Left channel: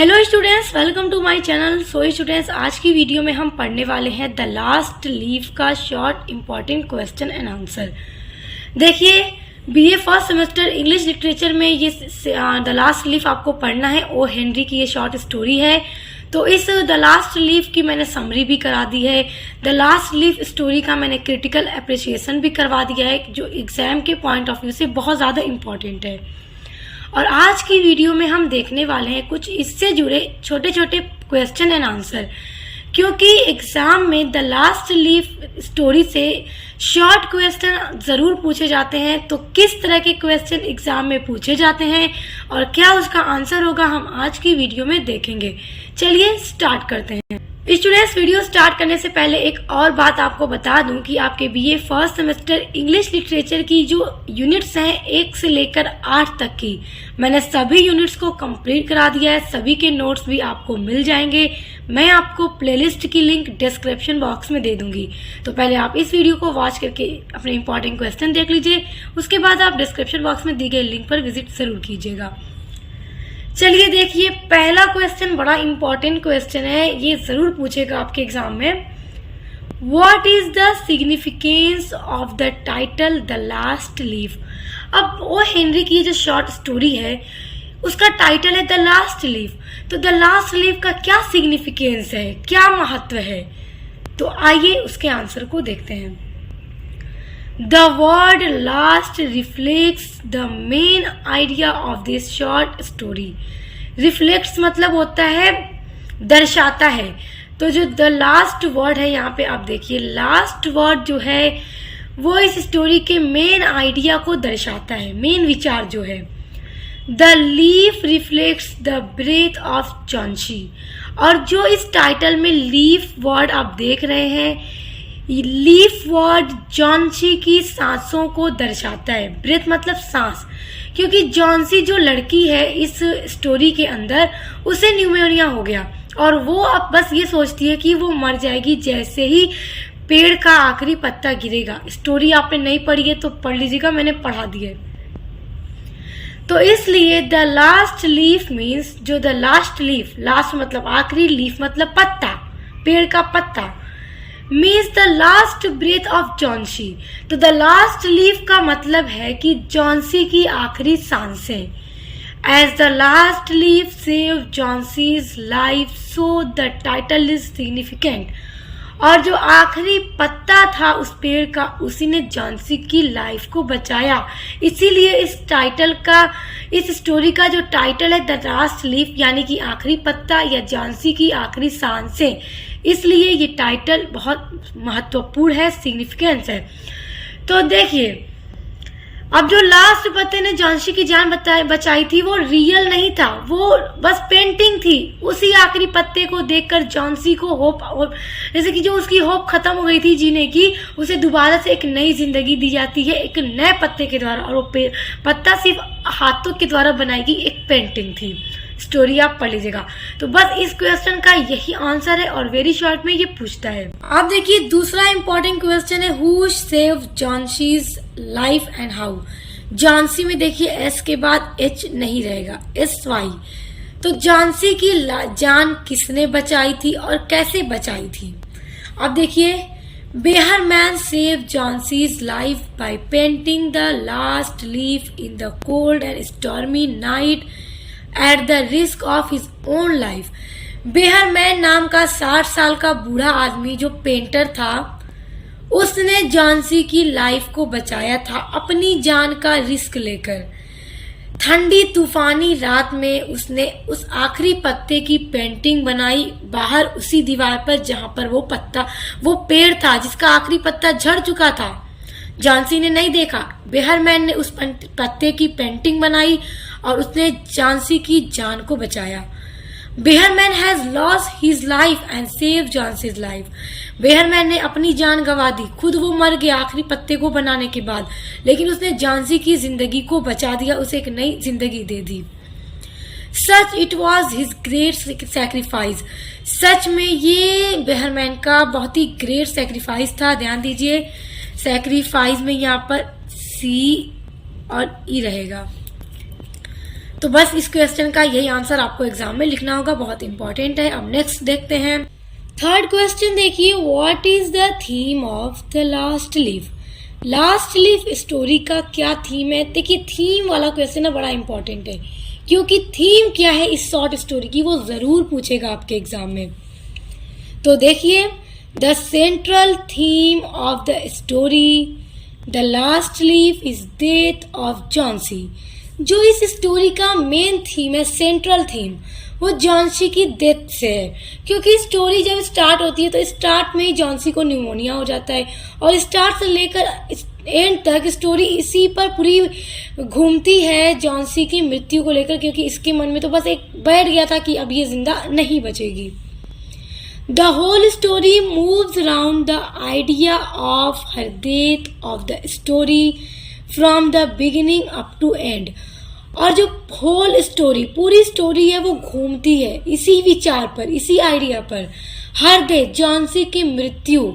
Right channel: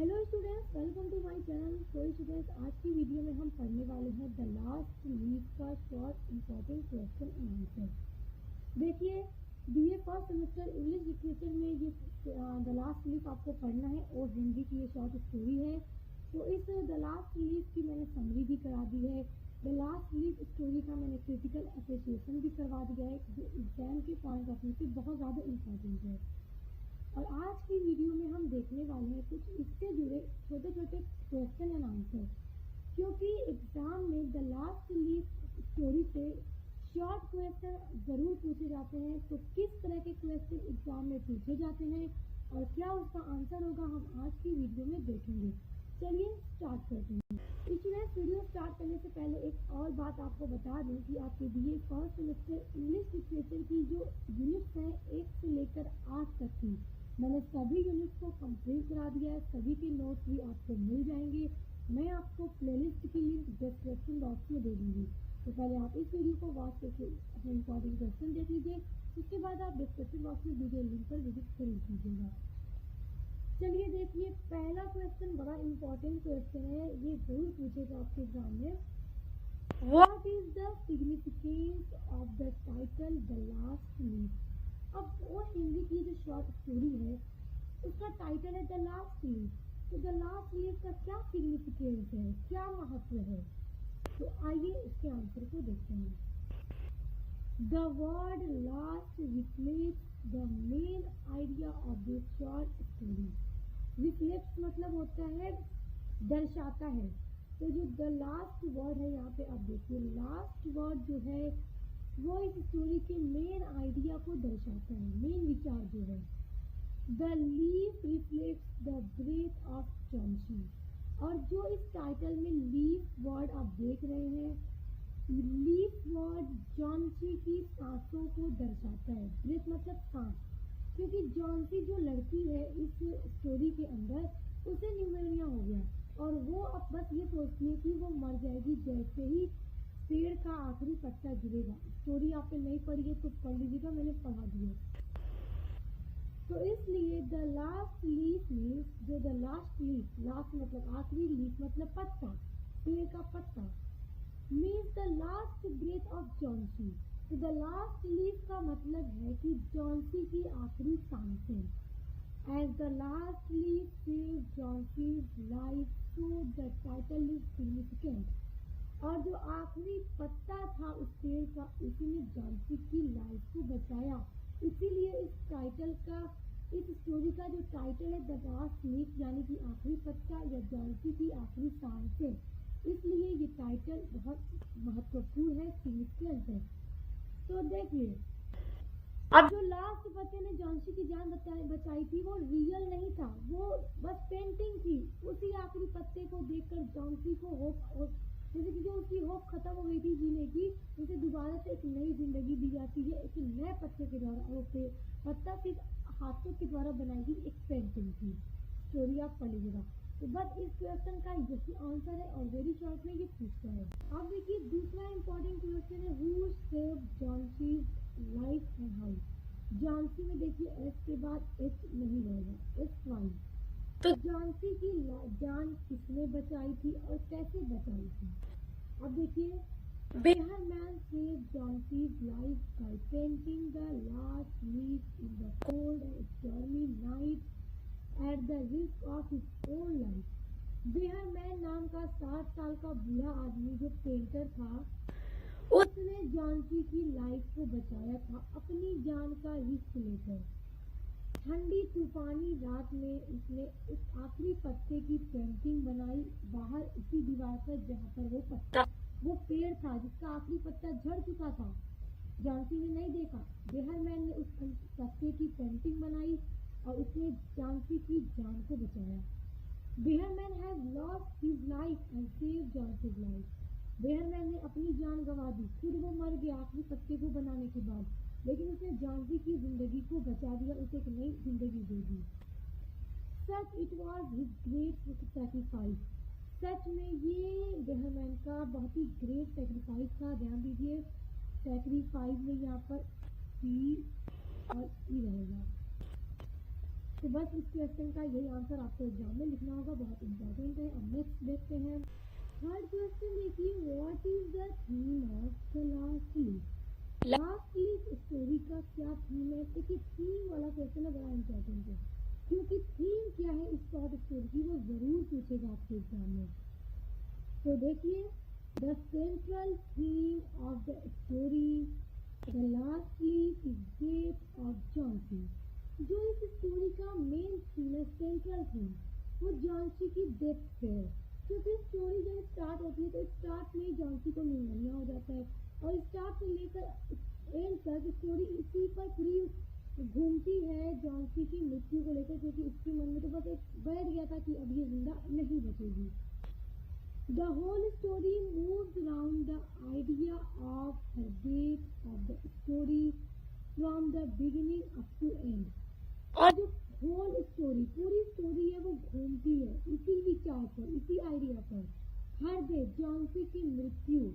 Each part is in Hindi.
Hello students, welcome to my channel. So students, आज की वीडियो में हम पढ़ने वाले हैं द लास्ट लीफ का short important question and answer. देखिए, BA first semester English literature में ये द लास्ट लीफ आपको पढ़ना है। ओ हेनरी की ये शॉर्ट स्टोरी है। तो इस द लास्ट लीफ की मैंने समरी भी करा दी है। द लास्ट लीफ स्टोरी का मैंने क्रिटिकल अप्रिसिएशन भी करवा दिया है, जो एग्जाम के पॉइंट ऑफ व्यू से बहुत ज़्यादा इम्पॉर्टेंट है। और आज की वीडियो में हम देखने वाले हैं कुछ इससे जुड़े छोटे छोटे क्वेश्चन एंड आंसर, क्योंकि एग्जाम में द लास्ट लीफ स्टोरी से शॉर्ट क्वेश्चन ज़रूर पूछे जाते हैं। तो किस तरह के क्वेश्चन एग्जाम में पूछे जाते हैं और क्या उसका आंसर होगा, हम आज की वीडियो में देखेंगे। चलिए स्टार्ट करते हैं। स्टूडेंट्स, वीडियो स्टार्ट करने से पहले एक और बात आपको बता दूं कि आपके BA first semester English literature की जो यूनिट्स हैं 1 से लेकर 8 तक की, मैंने सभी यूनिट्स को कंप्लीट करा दिया है। सभी के नोट्स भी आपको मिल जाएंगे। मैं आपको प्लेलिस्ट की लिंक डिस्क्रिप्शन बॉक्स में दे दूंगी। तो पहले आप इस वीडियो को वॉच करके अपने इंपॉर्टेंट क्वेश्चन देख लीजिए, उसके बाद आप डिस्क्रिप्शन बॉक्स में दी गई लिंक पर विजिट जरूर कीजिएगा। चलिए देखिए, पहला क्वेश्चन बड़ा इंपॉर्टेंट क्वेश्चन है, ये जरूर पूछेगा आपके एग्जाम में। What is the significance of the title the last leaf. अब ओ हेनरी की जो शॉर्ट स्टोरी है उसका टाइटल है द लास्ट लीफ। तो द लास्ट लीफ का क्या सिग्निफिकेंस है, क्या महत्व है, तो आइए उसके आंसर को देखते हैं। The word last reflects the main idea of this short story. Reflects मतलब होता है दर्शाता है। तो जो the last word है यहाँ पे आप देखिए, last word जो है वो इस स्टोरी के मेन आइडिया को दर्शाता है, मेन विचार जो है। The leaf reflects the breath of Johnsy. और जो इस टाइटल में लीफ वर्ड आप देख रहे हैं, लीफ वर्ड जॉन्सी की सांसों को दर्शाता है। ब्रेथ मतलब सांस, क्योंकि जॉन्सी जो लड़की है इस स्टोरी के अंदर, उसे न्यूमोनिया हो गया और वो अब बस ये सोचती है कि वो मर जाएगी जैसे ही पेड़ का आखिरी पत्ता गिरेगा। स्टोरी आपने नहीं पढ़ी है तो पढ़ लीजिएगा, मैंने पढ़ा दी है। तो इसलिए द लास्ट लीफ मीन्स, जो द लास्ट लीफ, लास्ट मतलब आखिरी, लीफ मतलब पत्ता, पेड़ का पत्ता, means the last breath of Johnsy. तो द लास्ट लीफ का मतलब है कि जॉन्सी की आखिरी सांसें। As the last leaf save Johnsy's life, so the title is significant. और जो आखिरी पत्ता था उस पेड़ का, उसी ने जॉन्सी की लाइफ को बचाया। इसीलिए इस टाइटल का, इस स्टोरी का जो टाइटल है द लास्ट लीफ, यानी कि आखिरी पत्ता या जॉन्सी की आखिरी सांसें, इसलिए ये टाइटल बहुत महत्वपूर्ण है, सिग्निफिकेंस है। तो देखिए, अब जो लास्ट पत्ते ने जॉन्सी की जान बचाई थी वो रियल नहीं था, वो बस पेंटिंग थी। उसी आखिरी पत्ते को देखकर जॉन्सी को होप, जैसे कि जो उसकी होप खत्म हो गई थी जीने की, उसे दोबारा से एक नई जिंदगी दी जाती है एक नए पत्ते के द्वारा। और वो पत्ता सिर्फ हाथों के द्वारा बनाई गई एक पेंटिंग थी। स्टोरी आप पढ़ लीजिएगा। तो बस इस क्वेश्चन का यही आंसर है और वेरी शॉर्ट में ये पूछता है। अब देखिए, दूसरा इंपॉर्टेंट क्वेश्चन है, who save Johnsy's life and how. Johnsy में देखिए एस के बाद एच नहीं रहेगा, SY। तो जॉन्सी की जान किसने बचाई थी और कैसे बचाई थी। अब देखिए, Behrman save Johnsy's life by painting the last leaf in the cold and stormy night at the risk of his own life. Behrman नाम का 60 साल का बूढ़ा आदमी जो पेंटर था, उसने जॉन्सी की लाइफ को बचाया था अपनी जान का रिस्क लेकर। ठंडी तूफानी रात में उसने उस आखिरी पत्ते की पेंटिंग बनाई बाहर उसी दीवार पर जहां पर वो पेड़ था जिसका आखिरी पत्ता झड़ चुका था। जॉन्सी ने नहीं देखा, बेहरमैन ने उस पत्ते की पेंटिंग बनाई और उसने जॉन्सी की जान को बचाया। Behrman has lost his life and save Johnsy's life. Behrman ने अपनी जान गंवा दी, खुद वो मर गया आखिरी पत्ते को बनाने के बाद, लेकिन उसने जॉन्सी की जिंदगी को बचा दिया, उसे एक नई जिंदगी दे दी। सच it was his great sacrifice. सच में ये बेहरमैन का बहुत ही ग्रेट सेक्रीफाइस था। ध्यान दीजिए, सेक्रीफाइस में यहाँ पर C और E रहेगा। तो बस इस क्वेश्चन का यही आंसर आपको एग्जाम में लिखना होगा, बहुत इंपॉर्टेंट है। अब नेक्स्ट देखते हैं। थर्ड क्वेश्चन देखिए, what is the theme of the last leaf. Last leaf story का क्या थीम है? देखिए थीम वाला क्वेश्चन है, बड़ा इंपॉर्टेंट है, क्योंकि थीम क्या है इस शॉर्ट स्टोरी की वो जरूर पूछेगा आपके एग्जाम में। तो देखिए, the central theme of the story the last leaf is death of Johnsy. जो इस स्टोरी का मेन थीम है, सेंट्रल थीम, वो जॉन्सी की डेथ से है। क्योंकि स्टोरी जब स्टार्ट होती है तो स्टार्ट में ही जॉन्सी को न्यूमोनिया हो जाता है और स्टार्ट से लेकर एंड तक स्टोरी इसी पर पूरी घूमती है, जॉन्सी की मृत्यु को लेकर, क्योंकि इसके मन में तो बस एक बैठ गया था कि अब ये जिंदा नहीं बचेगी। The whole story moves around the idea of her death of the story from the beginning up to end। और जो होल स्टोरी, पूरी स्टोरी है, वो घूमती है इसी विचार पर, इसी आइडिया पर, हर डेथ, जॉन्सी की मृत्यु,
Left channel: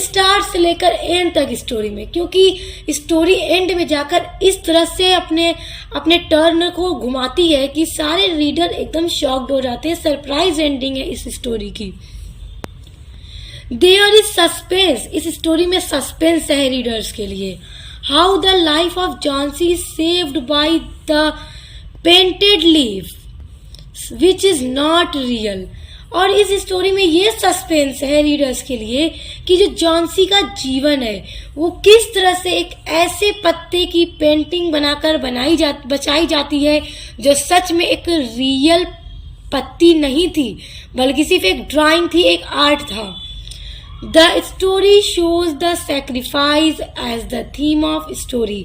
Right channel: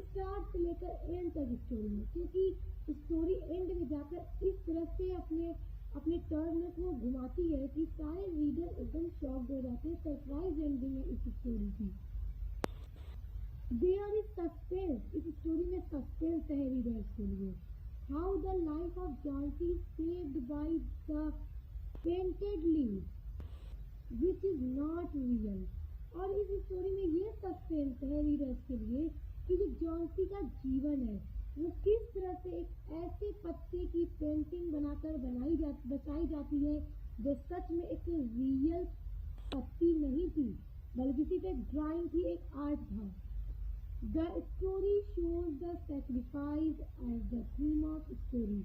स्टार्ट से लेकर एंड तक स्टोरी में। क्योंकि स्टोरी एंड में जाकर इस तरह से अपने टर्न को घुमाती है कि सारे रीडर एकदम शॉक्ड हो जाते हैं। सरप्राइज एंडिंग है इस स्टोरी की। देयर इज सस्पेंस, इस स्टोरी में सस्पेंस है रीडर्स के लिए। How the life of Johnsy is saved by the painted leaf which is not real. और इस स्टोरी में ये सस्पेंस है रीडर्स के लिए कि जो जॉन्सी का जीवन है वो किस तरह से एक ऐसे पत्ते की पेंटिंग बनाकर बचाई जाती है जो सच में एक रियल पत्ती नहीं थी, बल्कि सिर्फ एक ड्राइंग थी, एक आर्ट था। The story shows the sacrifice as the theme of story।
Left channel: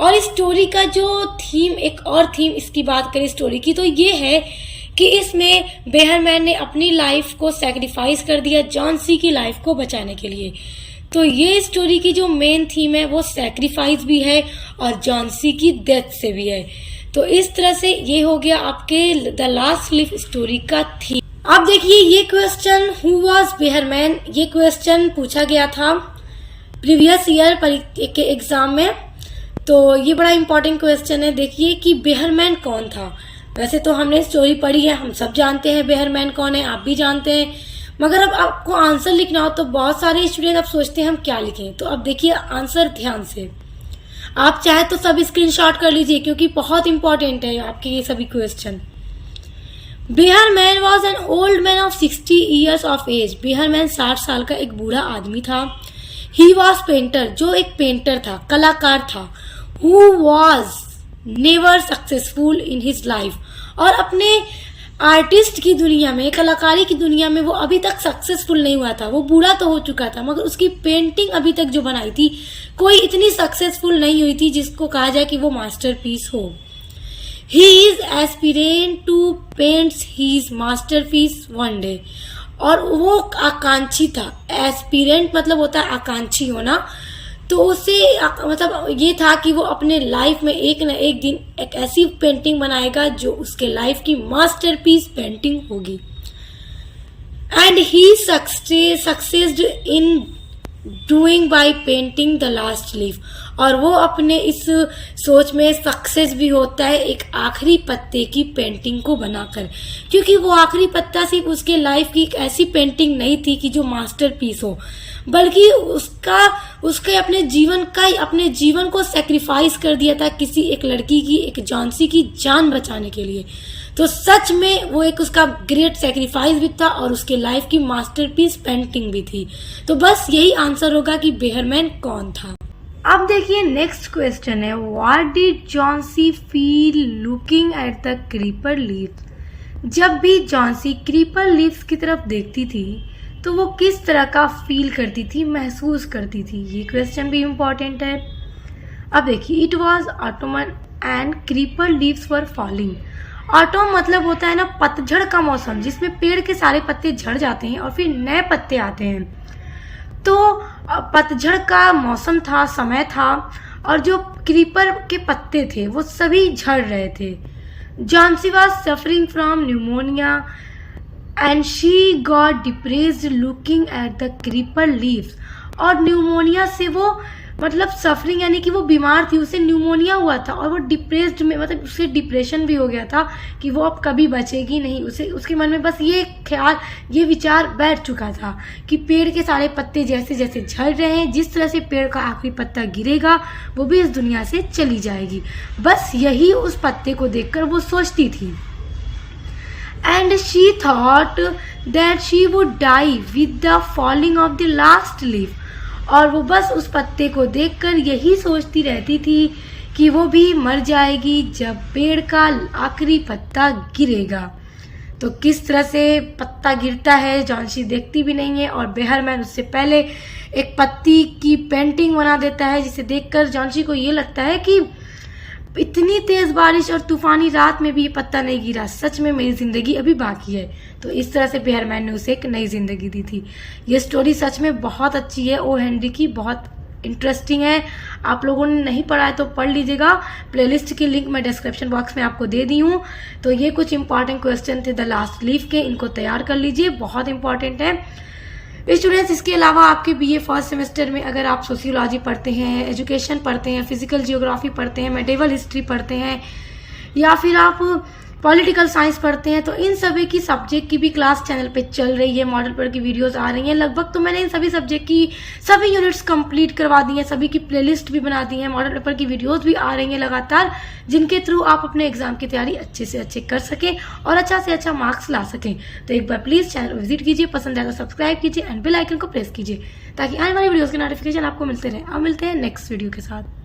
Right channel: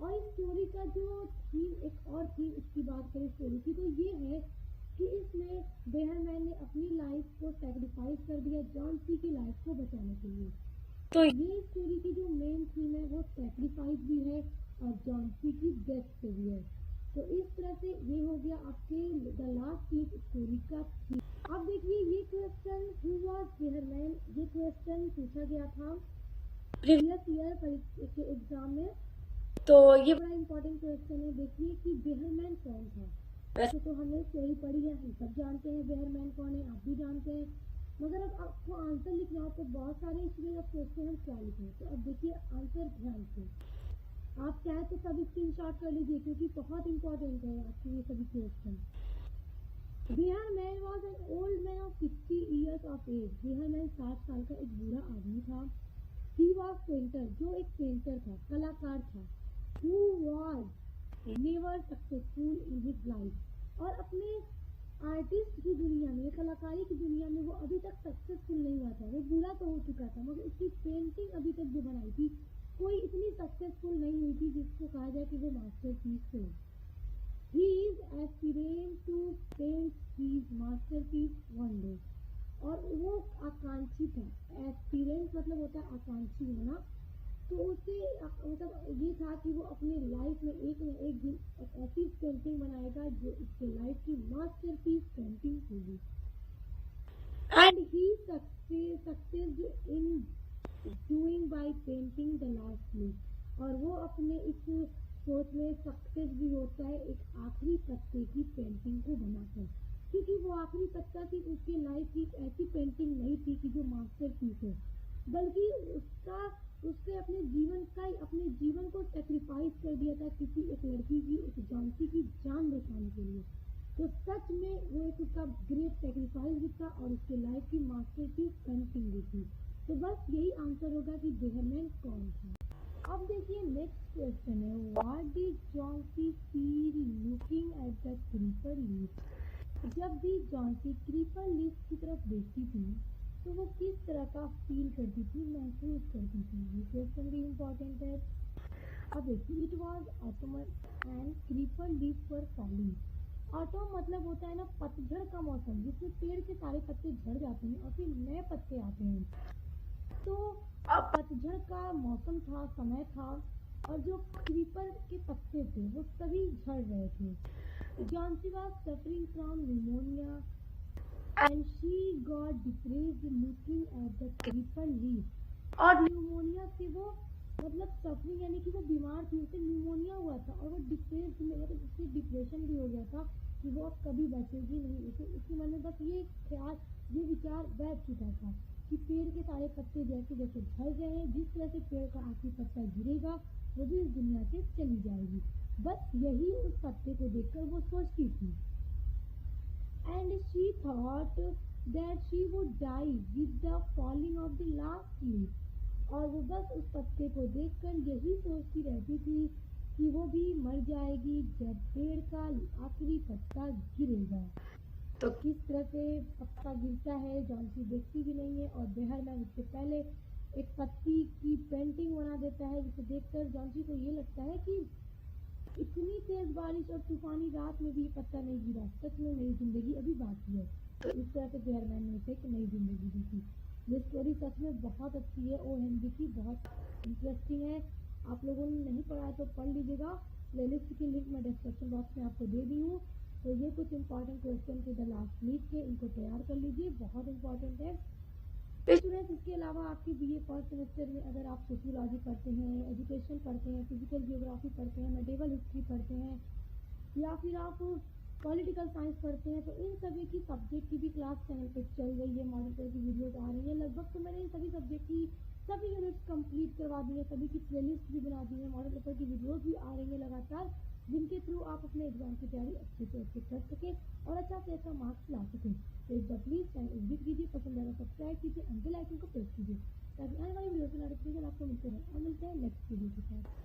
और स्टोरी का जो थीम, एक और थीम इसकी बात करें स्टोरी की, तो ये है कि इसमें बेहरमैन ने अपनी लाइफ को सैक्रिफाइस कर दिया जॉन्सी की लाइफ को बचाने के लिए। तो ये स्टोरी की जो मेन थीम है वो सैक्रिफाइस भी है और जॉन्सी की डेथ से भी है। तो इस तरह से ये हो गया आपके द लास्ट लीफ स्टोरी का थीम। अब देखिए ये क्वेश्चन, हु वाज बेहरमैन, ये क्वेश्चन पूछा गया था प्रीवियस ईयर के एग्जाम में। तो ये बड़ा इंपॉर्टेंट क्वेश्चन है। देखिए कि बेहरमैन कौन था। वैसे तो हमने स्टोरी पढ़ी है, हम सब जानते हैं बेहरमैन कौन है, आप भी जानते हैं, मगर अब आपको आंसर लिखना हो तो बहुत सारे स्टूडेंट अब सोचते हैं हम क्या लिखें। तो अब देखिए आंसर ध्यान से, आप चाहे तो सब स्क्रीनशॉट कर लीजिए क्योंकि बहुत इंपॉर्टेंट है आपके ये सभी question. Behrman was an old man of 60 years of एज। बेहरमैन 60 साल का एक बूढ़ा आदमी था। ही वॉज पेंटर, जो एक पेंटर था, कलाकार था। Who was never successful in his life, और अपने आर्टिस्ट की दुनिया में, कलाकारी की दुनिया में वो अभी तक सक्सेसफुल नहीं हुआ था। वो बूढ़ा तो हो चुका था मगर उसकी पेंटिंग अभी तक जो बनाई थी कोई इतनी सक्सेसफुल नहीं हुई थी जिसको कहा जाए कि वो मास्टरपीस हो। He is aspirant to paint his masterpiece one day। और वो आकांक्षी था। एस्पिरेंट मतलब होता है आकांक्षी होना। तो उसे मतलब ये था कि वो अपने लाइफ में एक न एक दिन एक ऐसी पेंटिंग बनाएगा जो उसके लाइफ की मास्टरपीस पेंटिंग होगी। And he succeeded in doing by painting the last leaf. और वो अपने इस सोच में सक्सेस भी होता है एक आखिरी पत्ते की पेंटिंग को बनाकर, क्योंकि वो आखिरी पत्ता सिर्फ उसके लाइफ की एक ऐसी पेंटिंग नहीं थी कि जो मास्टरपीस हो, बल्कि उसके अपने जीवन को सेक्रीफाइस कर दिया था किसी एक लड़की की, एक जॉन्सी की जान बचाने के लिए। तो सच में वो एक उसका ग्रेट सेक्रीफाइस भी था और उसके लाइफ की मास्टरपीस पेंटिंग भी थी। तो बस यही आंसर होगा कि बेहरमैन कौन था। अब देखिए नेक्स्ट क्वेश्चन है, what did Johnsy feel looking at the creeper leaves. जब भी जॉन्सी क्रीपर लीव्स की तरफ देखती थी तो वो किस तरह का फील करती थी, महसूस करती थी, ये क्वेश्चन भी इम्पोर्टेंट है। अब देखिए, it was Ottoman and creeper leaves were falling. Autumn मतलब होता है ना पतझड़ का मौसम, जिसमें पेड़ के सारे पत्ते झड़ जाते हैं और फिर नए पत्ते आते हैं। तो पतझड़ का मौसम था, समय था, और जो क्रीपर के पत्ते थे वो सभी झड़ रहे थे। Johnsy was suffering from pneumonia and she got depressed looking at the creeper leaves. और न्यूमोनिया से वो मतलब सफरिंग यानी कि वो बीमार थी, उसे न्यूमोनिया हुआ था और वो डिप्रेस्ड में, मतलब उसे डिप्रेशन भी हो गया था कि वो अब कभी बचेगी नहीं। उसके मन में बस ये ख्याल, ये विचार बैठ चुका था कि पेड़ के सारे पत्ते जैसे जैसे झड़ रहे हैं, जिस तरह से पेड़ का आखिरी पत्ता गिरेगा वो भी इस दुनिया से चली जाएगी। बस यही उस पत्ते को देखकर वो सोचती थी। And she thought that she would die with the falling of the last leaf. और वो बस उस पत्ते को देखकर यही सोचती रहती थी कि वो भी मर जाएगी जब पेड़ का आखिरी पत्ता गिरेगा। तो किस तरह से पत्ता गिरता है जॉन्सी देखती भी नहीं है, और बेहरमैन उससे पहले एक पत्ती की पेंटिंग बना देता है, जिसे देखकर जॉन्सी को ये लगता है कि इतनी तेज बारिश और तूफानी रात में भी ये पत्ता नहीं गिरा, सच में मेरी जिंदगी अभी बाकी है। तो इस तरह से बेहरमैन ने उसे एक नई जिंदगी दी थी। ये स्टोरी सच में बहुत अच्छी है, ओ हेनरी की, बहुत इंटरेस्टिंग है। आप लोगों ने नहीं पढ़ा है तो पढ़ लीजिएगा। प्लेलिस्ट की लिंक मैं डिस्क्रिप्शन बॉक्स में आपको दे दी हूँ। तो ये कुछ इंपॉर्टेंट क्वेश्चन थे द लास्ट लीफ के, इनको तैयार कर लीजिए, बहुत इंपॉर्टेंट है स्टूडेंट्स। इसके अलावा आपके बीए फर्स्ट सेमेस्टर में अगर आप सोशियोलॉजी पढ़ते हैं, एजुकेशन पढ़ते हैं, फिजिकल जियोग्राफी पढ़ते हैं, मेडिवल हिस्ट्री पढ़ते हैं, या फिर आप पॉलिटिकल साइंस पढ़ते हैं, तो इन सभी की सब्जेक्ट की भी क्लास चैनल पे चल रही है, मॉडल पेपर की वीडियोस आ रही हैं लगभग। तो मैंने इन सभी सब्जेक्ट की सभी यूनिट्स कंप्लीट करवा दी हैं, सभी की प्लेलिस्ट भी बना दी है, मॉडल पेपर की वीडियोस भी आ रही हैं लगातार, जिनके थ्रू आप अपने एग्जाम की तैयारी अच्छे से अच्छे कर सकें और अच्छा से अच्छा मार्क्स ला सकें। तो एक बार प्लीज़ चैनल को विजिट कीजिए, पसंद आए तो सब्सक्राइब कीजिए एंड बेल आइकन को प्रेस कीजिए ताकि आने वाली वीडियोज़ के नोटिफिकेशन आपको मिलते रहे। अब मिलते हैं नेक्स्ट वीडियो के साथ।